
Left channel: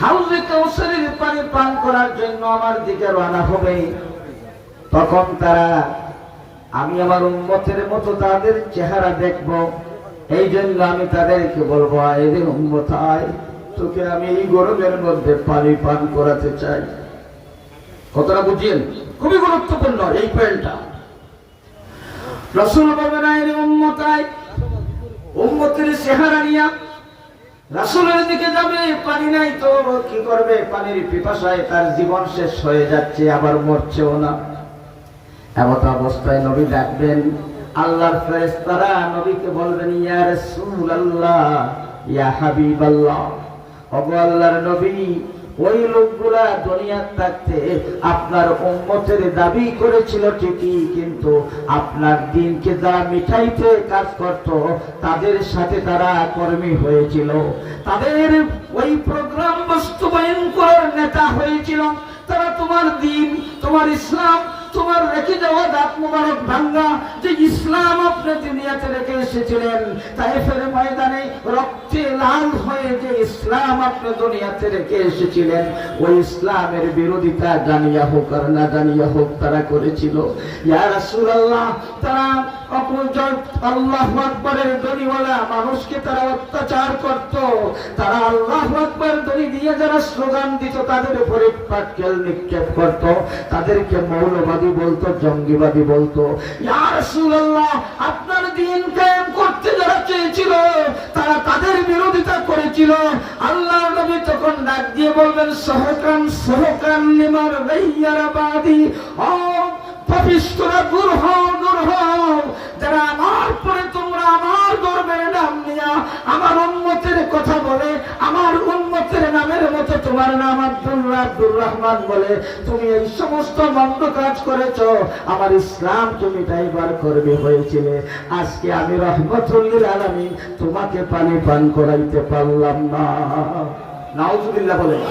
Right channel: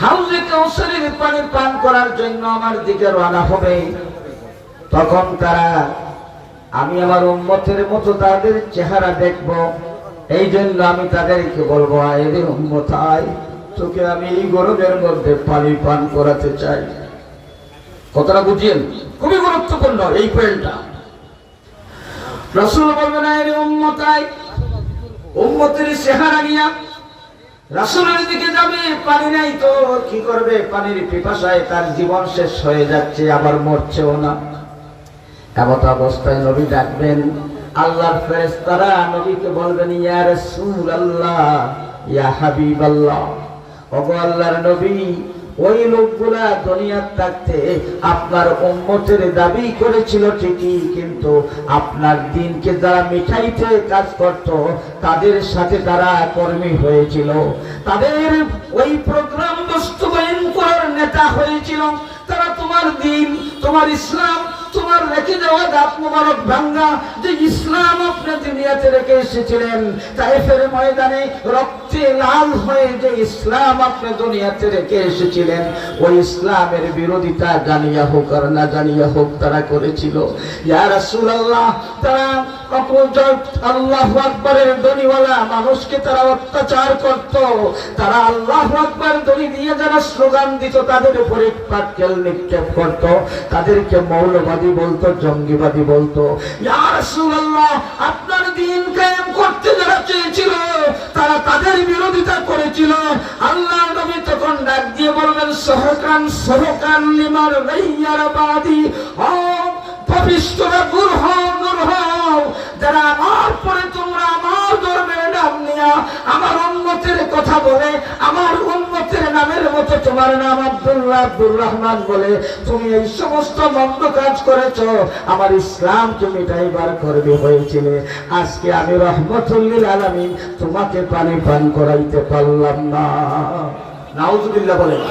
হাউজে কাউসারের পানি পান করার জন্য আমার দিকে রওনা হবে। তখন তারা, আমি আমার উম্মতের মতো তাদের চেহারা দেখব, এই জন্য আমি তাদেরকে বলবো, আয় রে উম্মত আয়, তোকে আমি এই গরমের মধ্যে পানি পান করাতে চাই। কতটা বুঝিয়েন? খুবই গুরুত্বপূর্ণ এই পয়েন্টটা। রাসূল বললেন, আয় রে উম্মত আয়। উম্মতের চেহারা নিয়া রাসূলের দিকে যাবে, পানি নাই তো কি করবে? পানির পিপাসায় তার জীবন শেষ হয়ে যাচ্ছে, আবার মরছেও না। এমত অবস্থায় নবী ডাকবেন, আল্লাহর ফেরেশতারা নবীকে বলবেন, ইয়া রাসূলুল্লাহ, ইয়া হাবিবাল্লাহ, ওগো আল্লাহর নবী, ওই লোকগুলা দুনিয়ার থাকতে আপনার উম্মতের দাবি করেছিল ঠিকই, কিন্তু আপনার দ্বীনকে যারা মিটাইতে কাজ করত তাদের সাথে তারা কর্মী হয়েছিল, তাদের ওই প্রোগ্রাম বাস্তবায়ন করার নেতা হয়েছিল। তারা তোমার দ্বীন, তোমার ইসলাম, তোমার রেখে যাওয়া দাঁত মোবারক ভাঙ্গা যে ইসলাম আপনি দুনিয়াতে রেখে এসেছিলেন, তায়েফের ময়দানে রক্তে লাল হয়ে যে ইসলাম আপনি দুনিয়াতে রেখে এসেছিলেন, ওই ইসলামের বিরোধিতা জানিয়া হোক আর না জানিয়া হোক তারা করেছিল। ইয়া রাসূলুল্লাহ, তারা আল্লাহু আকবারের ধ্বনিওয়ালা মানুষকে তারা অত্যাচার করত, তারা আল্লাহু আকবার ধ্বনি দিয়ে যারা স্লোগান দিত তাদের উপরে পাটকেল নিক্ষেপ করত, তাদেরকে মৌলবাদী বলতো, জঙ্গিবাদী বলতো। ইয়া রাসূলুল্লাহ, আপনার দ্বীন কায়েম করতে যারা চেয়েছিল তারা তাদের বিরোধিতা করেছিল। আল্লাহর নবী তখন ডাক দিয়ে বলবেন, সহকান সহকান লিমার রাইয়ার বাদি, ও পাপিষ্ঠরা দূর হও, দূর হও, যারা আমার পরে তোমরা আমার ধর্মের নাম নিয়া আমার উম্মতের কথা বলে, আমার উম্মতের নামের মতো তোমার নাম আব্দুল্লাহ, আব্দুর রহমান বলে তুমি এই সমস্ত মন্দ কাজ করেছ, আমার ইসলামকে মিটাইবার করবে হয়েছিলে। আজকে আমি রাহমাতুল লিল আলামিন তোমাকে পানি পান করাইতে পারলাম না। নাউজুবিল্লাহ বলেন।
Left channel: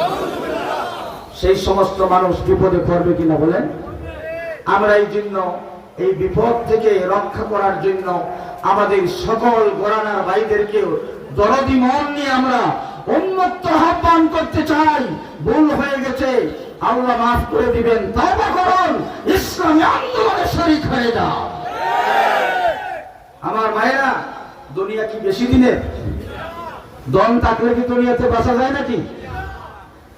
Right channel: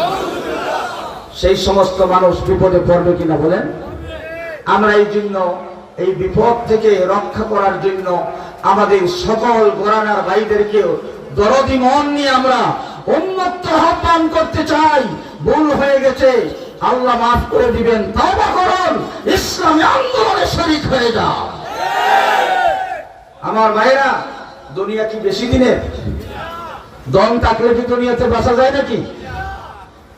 সেই সমস্ত মানুষ বিপদে পড়বে কিনা বলেন? আমরা এই জন্য এই বিপদ থেকে রক্ষা করার জন্য আমাদের সকল গোরানার ভাইদেরকেও দরদি মন নিয়ে আমরা উম্মত আহ্বান করতে চাই। ভুল হয়ে গেছে, আল্লাহ মাফ করে দিবেন, তওবা করুন, ইসলামী আন্দোলনে শরীক হয়ে যান। আমার ভাইরা, দুনিয়া কি বেশি দিনের? দম থাকলে কি দুনিয়াতে বাঁচা যায় নাকি?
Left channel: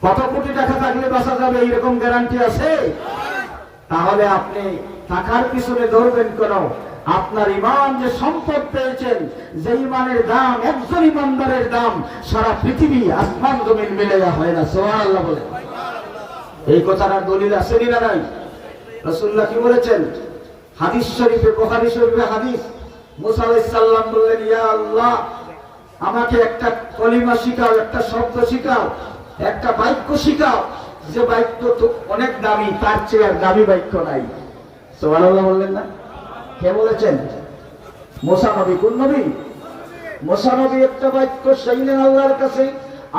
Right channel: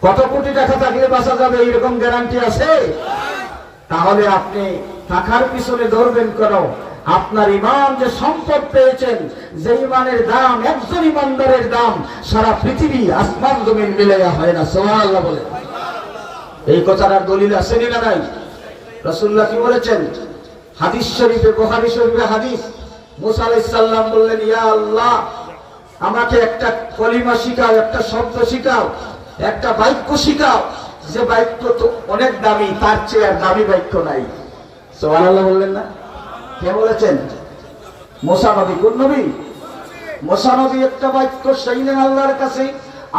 কত কোটি টাকা থাকলে বাঁচা যাবে এইরকম গ্যারান্টি আছে? তাহলে আপনি টাকার পিছনে ধরবেন কেন? আপনার ইমান যে সম্পদ পেয়েছেন, যে ইমানের দাম, একজন ইমানদারের দাম সারা পৃথিবী আসমান জমিন মিলে হয় না। সুবহানাল্লাহ বলে। এই কথার দলিল আছে না নাই? রাসূলুল্লাহ কি বলেছেন? হাদিস শরীফে, বুখারী শরীফে হাদিস, মুসা আলাইহিস সালাম বললেন, ইয়া আল্লাহ, আমাকে একটা কলিমা শিখাও, একটা শব্দ শিখাও, একটা বাক্য শিখাও যে বাক্য তো অনেক দামি, তার চেয়ে আর দামি বাক্য নাই। সুবহানাল্লাহ বললেন না? কে বলেছেন? মুসা নবী। কোন নবী? মুসা নবী একটা বাক্য চাইলেন আল্লাহর কাছে।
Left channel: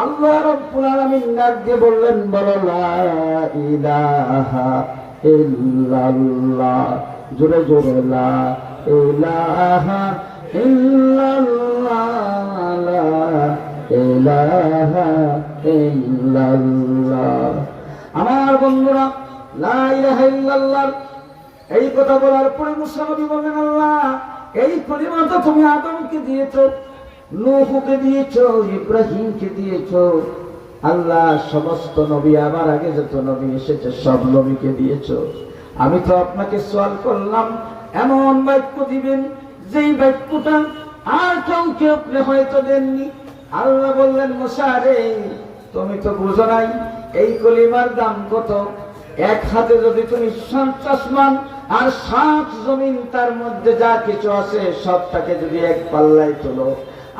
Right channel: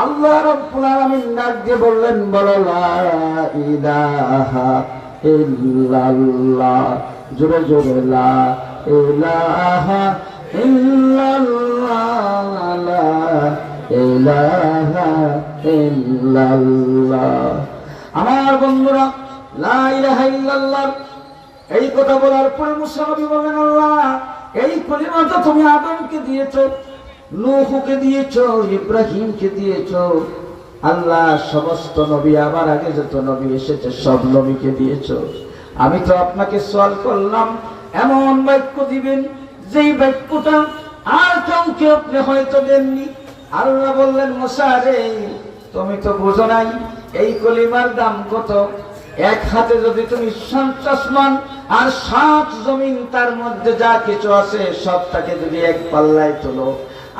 আল্লাহ রাব্বুল আলামিন ডাক দিয়ে বললেন, বলো লা ইলাহা ইল্লাল্লাহ। জোরে জোরে লা ইলাহা ইল্লাল্লাহ, লা ইলাহা ইল্লাল্লাহ। আমার বন্ধুরা, লা ইলাহা ইল্লাল্লাহ এই কথা বলার পরে মুসা নবী বললেন, আল্লাহ এই কলিমাটা তুমি আদমকে দিয়েছো, নূহকে দিয়েছো, ইব্রাহিমকে দিয়েছো। আল্লাহ সমস্ত নবী আমার আগে যত নবী এসেছে সব নবীকে দিয়েছো। আমি তো আপনাকে সওয়াল করলাম এমন বাক্য দিবেন যেই বাক্যটা আর কাউকে আপনি হয়তো দেননি। আল্লাহ বললেন, মুসা রে তুমি তো বুঝো নাই এই কলিমার দাম কত। এক হাতে যদি তুমি 7 আসমান আর 7 জমিন তার মধ্যে যা কিছু আছে সবটাকে যদি এক পাল্লায় তোলো,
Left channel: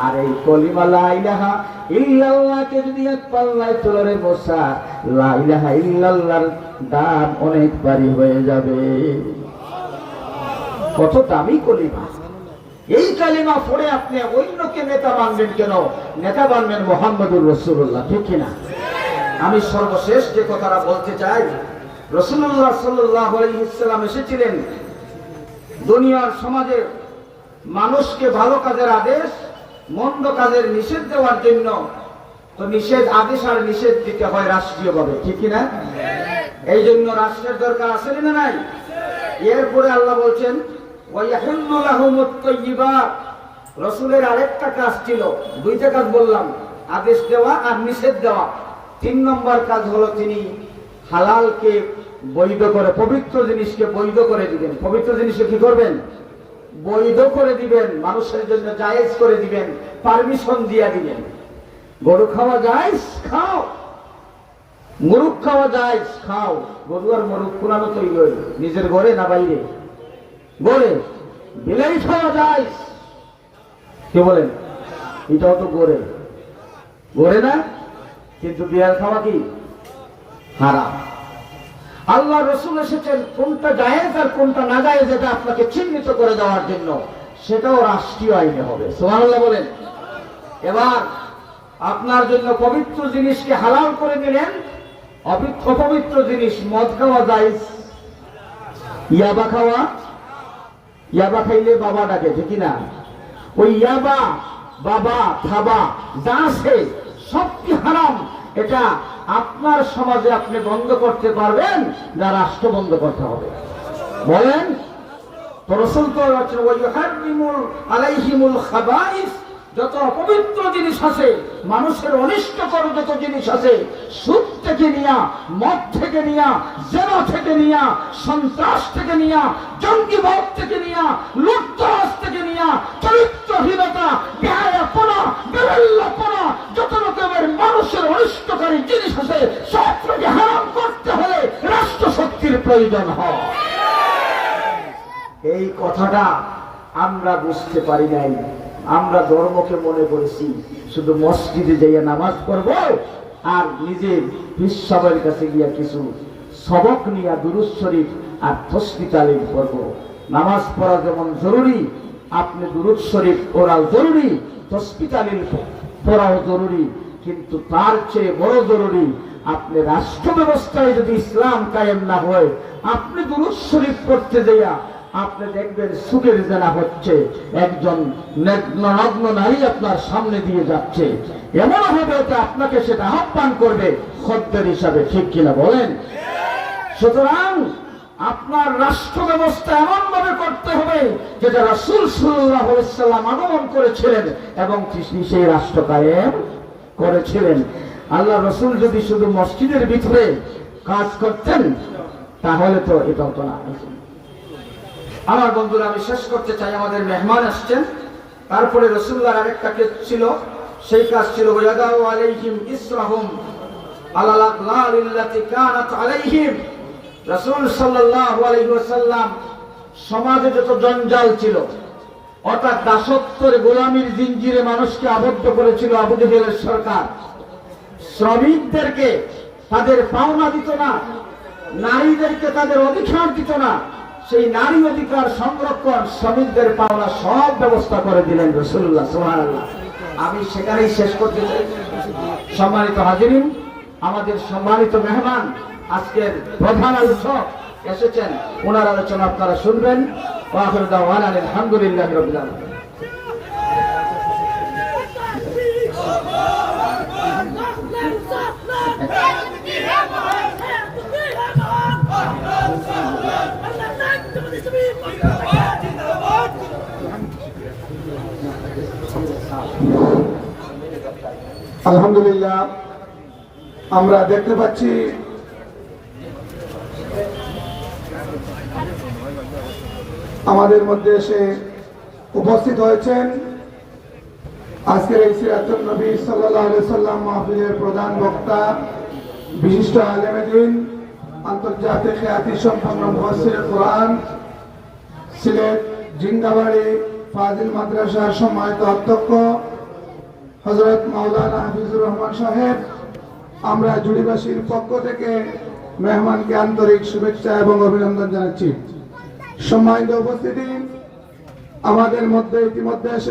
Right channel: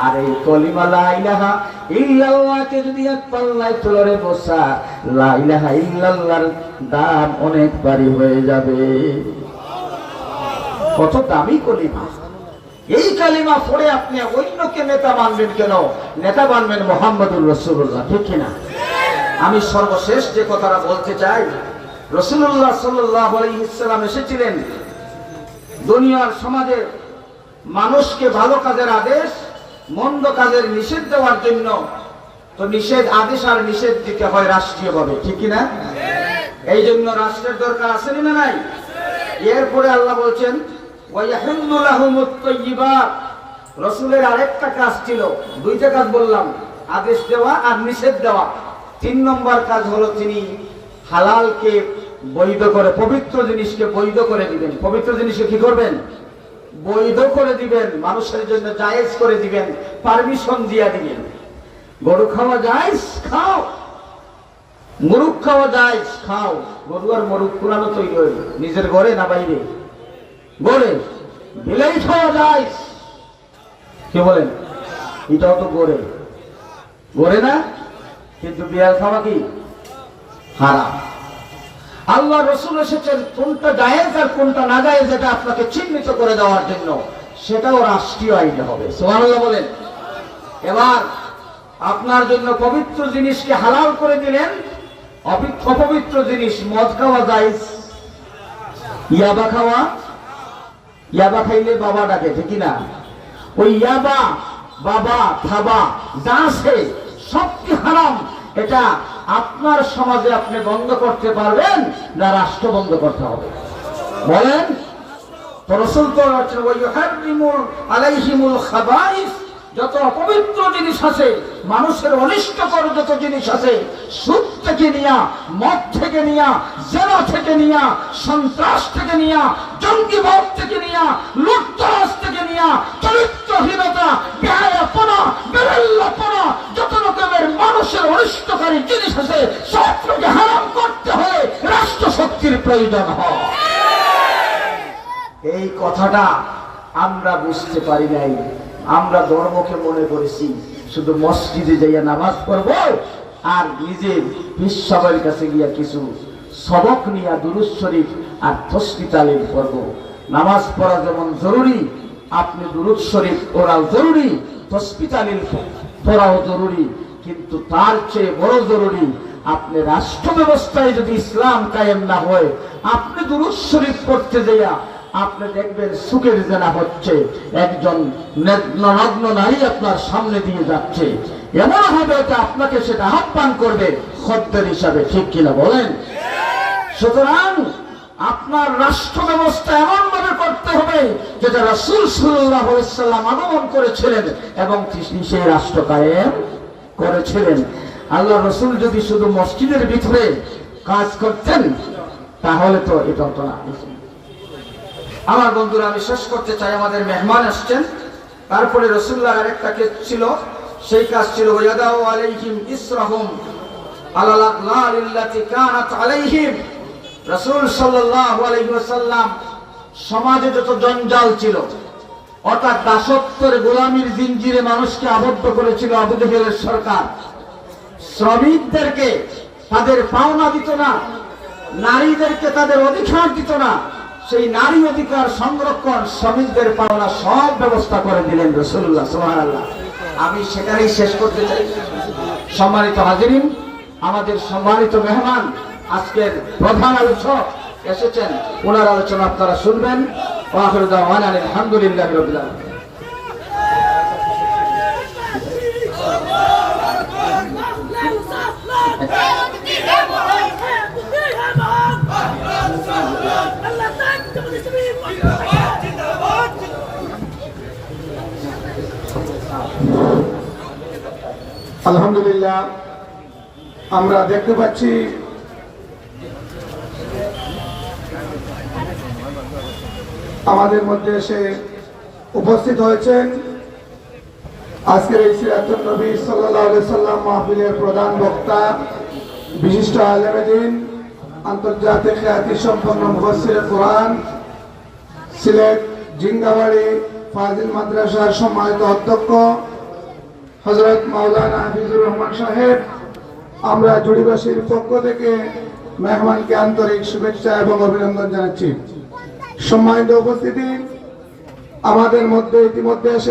আর এই কলিমা লা ইলাহা ইল্লাল্লাহকে যদি এক পাল্লায় তোলো রে মুসা, লা ইলাহা ইল্লাল্লাহর দাম অনেক ভারী হয়ে যাবে। কত দামি কলিমা! এই কালিমা পড়ে আপনি অন্যকে নেতা মানবেন কেন? নেতা মানবেন মুহাম্মদুর রাসূলুল্লাহ, ঠিক কিনা? আমি সর্বশেষ যে কথাটা বলতে চাই, রাসূলুল্লাহ সাল্লাল্লাহু আলাইহি ওয়াসাল্লাম এসেছিলেন দুনিয়ার সমাজের মানুষকে ভালো কাজের আদেশ, মন্দ কাজের নিষেধ দেওয়ার জন্য। তো নিষেধ আদেশ আর নিষেধ দিতে হয় রাষ্ট্রীয়ভাবে, ঠিক কিনা? এই জন্য রাষ্ট্রের দরকার আছে না নাই? এরপরে আল্লাহ বলছেন, ওয়ায়াহিল্লু লাহুমুত তাইয়্যিবাত। রাসূলের আরেকটা কাজ ছিল, দুইটা কাজ বললাম, আদেশ দেওয়া আর নিষেধ দেওয়া। 3 নম্বর কাজ হলো তিনি হালালকে বৈধ করে, পবিত্র জিনিসকে বৈধ করে দিবেন। পবিত্র জিনিসকে কি করবেন? বৈধ করে দিবেন, মানুষের জন্য জায়েজ করে দিবেন, পারমিশন দিয়া দিবেন। গরু খাওয়া জায়েজ, খাও। মুরগ খাওয়া জায়েজ, খাও। গরু আর মুরগ পুরানো তৈরি হইল, নিজের ঘরে না বাইরে? ঘরে। বিলাই খাওয়া জায়েজ, কি বলেন? এটাও তো ঘরে, ঘরে না? কিন্তু বিড়াল খাওয়া কি হারাম। আল্লাহ রাসূল এসেছেন কোনটা জায়েজ আর কোনটা না জায়েজ এটা আপনাকে চিহ্নিত করে দেওয়ার জন্য, সেটাও রাষ্ট্রীয় আইনে হবে। সুবহানাল্লাহ বলেন। এবার আপনার জন্য পবিত্র জিনিসকে হালাল করে দিলেন, অপবিত্র জিনিস মদ খাওয়া জায়েজ। ইয়াবা খাওয়া, ইয়াবা খাইলে বাবা ডাকে, ঠিক না? ওই ইয়াবা, বাবা, থাবা যা আছে সব কি হারাম। এটা আপনার সমাজে আপনি বন্ধ করতে পারবেন না রাষ্ট্র বন্ধ করতে হবে? বলেন তো। রাসূল তো বলেছেন, ওয়ায়ুহাররিমুল আলাইহিমুল খাবাইস। যত অপবিত্র জিনিস আছে, মানুষের অনিষ্টকর যত জিনিস আছে, সুদ থেকে নিয়া, মদ থেকে নিয়া, জেনা থেকে নিয়া, সন্ত্রাস থেকে নিয়া, জঙ্গিবাদ থেকে নিয়া, লুটতরাজ থেকে নিয়া, চরিত্রহীনতা, বেহায়াপনা, বেরেল্লাপনা, যত রকমের মানুষের অনিষ্টকারী জিনিস আছে সবটাকে হারাম করতে হলে রাষ্ট্র শক্তির প্রয়োজন হয়। এই কথাটা আমরা বুঝতে পারি নাই। আমরা ধর্মকে মনে করেছি শুধু মসজিদে যাইয়া নামাজ পড়বো আর নিজে বিশ্ববের কাছে গিয়া কিছু সবক নিয়া দুরূদ শরীফ আর তাসবিহ তালিম করবো। নামাজ পড়া যেমন জরুরি, আপনি দুরূদ শরীফ পড়াও জরুরি, তাসবিহ তালিম পড়াও জরুরি, কিন্তু তার চেয়ে বড় জরুরি আপনি রাষ্ট্র ব্যবস্থায় যদি ইসলাম কায়েম না হয়, আপনি দুরূদ শরীফ পড়তে যাইয়া আপনি দেখবেন সুখের জেনা হচ্ছে, একজন নগ্ন নারী আপনার সামনে দিয়ে যাচ্ছে, এমন হবে যে আপনাকে সেটা আহ্বান করবে খদ্দের হিসাবে, ঠিক কিনা বলেন? সুতরাং আপনার রাষ্ট্র ব্যবস্থা এমন ভাবে করতে হবে যেটা রাসূল সাল্লাল্লাহু আলাইহি ওয়াসাল্লাম আগমন করেছিলেন এবং তিনি সেই রাষ্ট্র কায়েম করেছিলেন। আল্লাহ রাসূল যদি শুধু মসজিদের ভিতরে কাজ করতেন তাহলে তো এটা হতো না। আমার বন্ধুরা, আমি শেষ করতে চাই, আমাদের মেহমান আসছেন। তারপরে রাসূলুল্লাহর আরেকটা কাজ ছিল, সেই কাজ ছিল ওয়াদাউ আলাইহিম ইসরাহুম আলাল আগলালিল্লাতি কানাত আলাইহিম। রাসূল সাল্লাল্লাহু আলাইহি ওয়াসাল্লাম সমাজে যত জঞ্জাল ছিল, অর্থাৎ দাসত্বের গোলামির জিঞ্জিরে মানুষকে আবদ্ধ করেছিল আবু জেহেলের সরকার, শ্রমিকদেরকে তাদের পাওনা দিত না, নারীদেরকে তাদের অধিকার দিত না, সেই নারী অধিকার সংরক্ষণ, শ্রমিকদের পাওনা সব ব্যবস্থা করে দিলেন রাসূলুল্লাহ সুবহানাল্লাহ। আমি সেখানেই শেষ করতে চাই। সম্মানিত হাজিরিন, আমাদের সম্মানিত মেহমান, আজকের প্রধান আলোচক এসেছেন, ওনার আলোচনা আপনারা শুনবেন। ওয়া আখিরু দাওয়ানা আলহামদুলিল্লাহি রাব্বিল আলামিন। আলহামদুলিল্লাহ, আমরা দেখতে পাচ্ছি আমাদের মধ্যে এসে উপস্থিত হয়েছেন আজকের এই সিরাতুন নবী সাল্লাল্লাহু আলাইহি সাল্লাম মাহফিলের প্রধান বক্তা, বিশিষ্ট আলেমে দ্বীন, আন্তর্জাতিক খ্যাতি সম্পন্ন মুফাসসির কোরআন, সিলেট জিঙ্গাবাড়ি ফাজিল মাদ্রাসার সম্মানিত অধ্যক্ষ হযরত মাওলানা হাফিজুর রহমান সাহেব। আমরা জুড়িবাসীর পক্ষ থেকে মেহমানকে আন্তরিক শুভেচ্ছা এবং অভিনন্দন জানাচ্ছি। সম্মানিত উপস্থিতি, আমাদের মধ্যে ইতিমধ্যে এসে